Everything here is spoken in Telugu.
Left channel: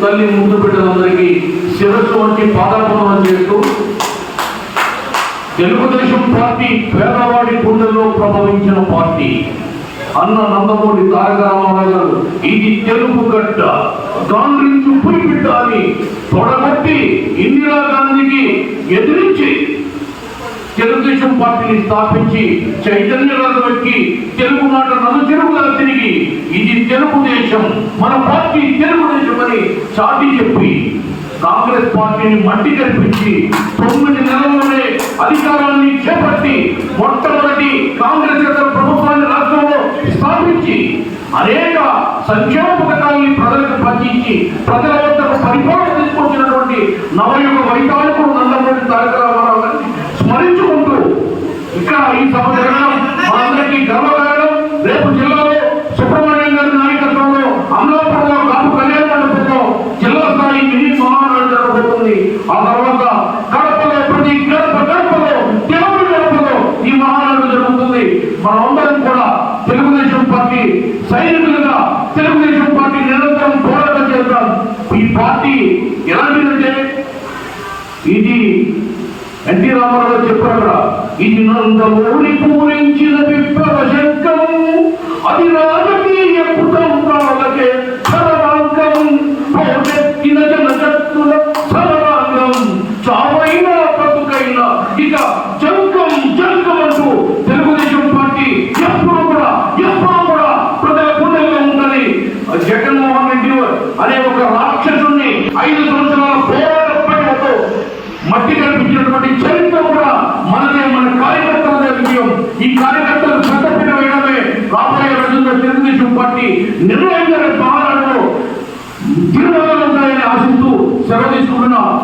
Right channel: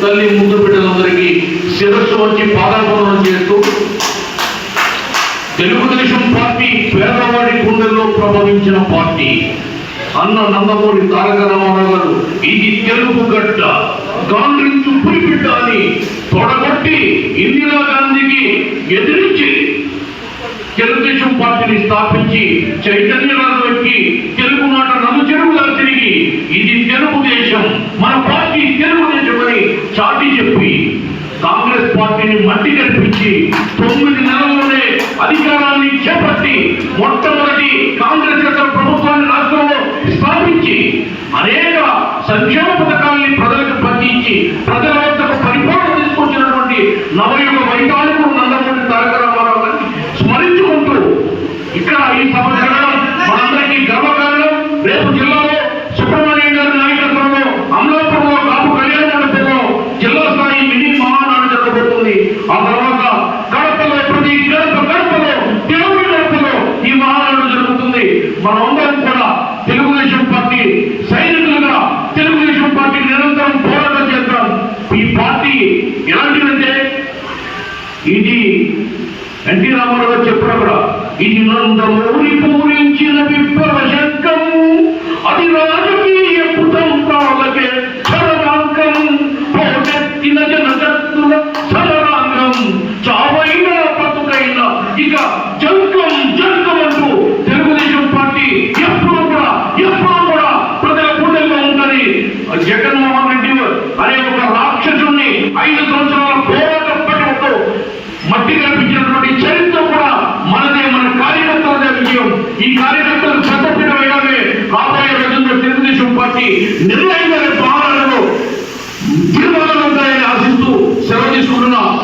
తల్లి ముందు బిడ్డలందరికీ శిరస్సు వచ్చి పాదాపూర్ణం చేస్తూ తెలుగుదేశం పార్టీ పేదవాడి గుండెల్లో ప్రభవించిన పార్టీ అన్న నందమూరి తారక రామారావు గారు ఇది తెలుగు గడ్డ గాండ్రించు బిడ్డ అని తొడగొట్టి ఇందిరాగాంధీకి ఎదిరించి తెలుగుదేశం పార్టీని స్థాపించి చైతన్య పెట్టి తెలుగు మాట నలు చెరువుగా తిరిగి ఇది తెలుగుదేశం మన పార్టీ అని చెప్పి కాంగ్రెస్ పార్టీని మట్టి కనిపించి తొమ్మిది నెలల్లోనే అధికారాన్ని చేపట్టి మొట్టమొదటి కాంగ్రెస్ యొక్క ప్రభుత్వాన్ని రాష్ట్రంలో స్థాపించి అనేక సంక్షేమ పథకాలని ప్రజలకు పంపించి ప్రజల వద్దకు పరిపాలన తీసుకొచ్చినటువంటి నవయుగ మినీ మహానాడు జరగబోతుంది ఆ తర్వాత కడపలో ప్రతి గడప గడపలో తెలుగు గడపలో ఈ మహానాడు జరుగుతుంది. మనమందరం కూడా తెలుగుదేశం పార్టీ సైనికులుగా తెలుగుదేశం పార్టీ నిరంతరం పోరాటం చేస్తాం ఈ పార్టీ ఎలాంటిదంటే ఇది ఎన్టీ రామారావు చెప్పారు అక్కడ ఇది నందమూరి పూరించిన విప్లవ శంకం అది రా జంకం జంకం అంటూ తెలుగుదేశం పార్టీ ఎప్పుడూ కూడా ఎప్పుడూ కూడా ప్రజల గుండెల్లో ఉందని జగన్మోహన్ రెడ్డి అనే ఒక రాక్షసుని ఐదు సంవత్సరాల పోరాట పడవతో మట్టి కల్పించినటువంటి చరిత్ర కూడా మనదే మన కార్యకర్తలదే విజయం ఈ కార్యకర్తలు చెత్తపిన వేయడమే రాబోయే రోజుల్లో తెలుగుదేశం పార్టీ నిర్ణయంగా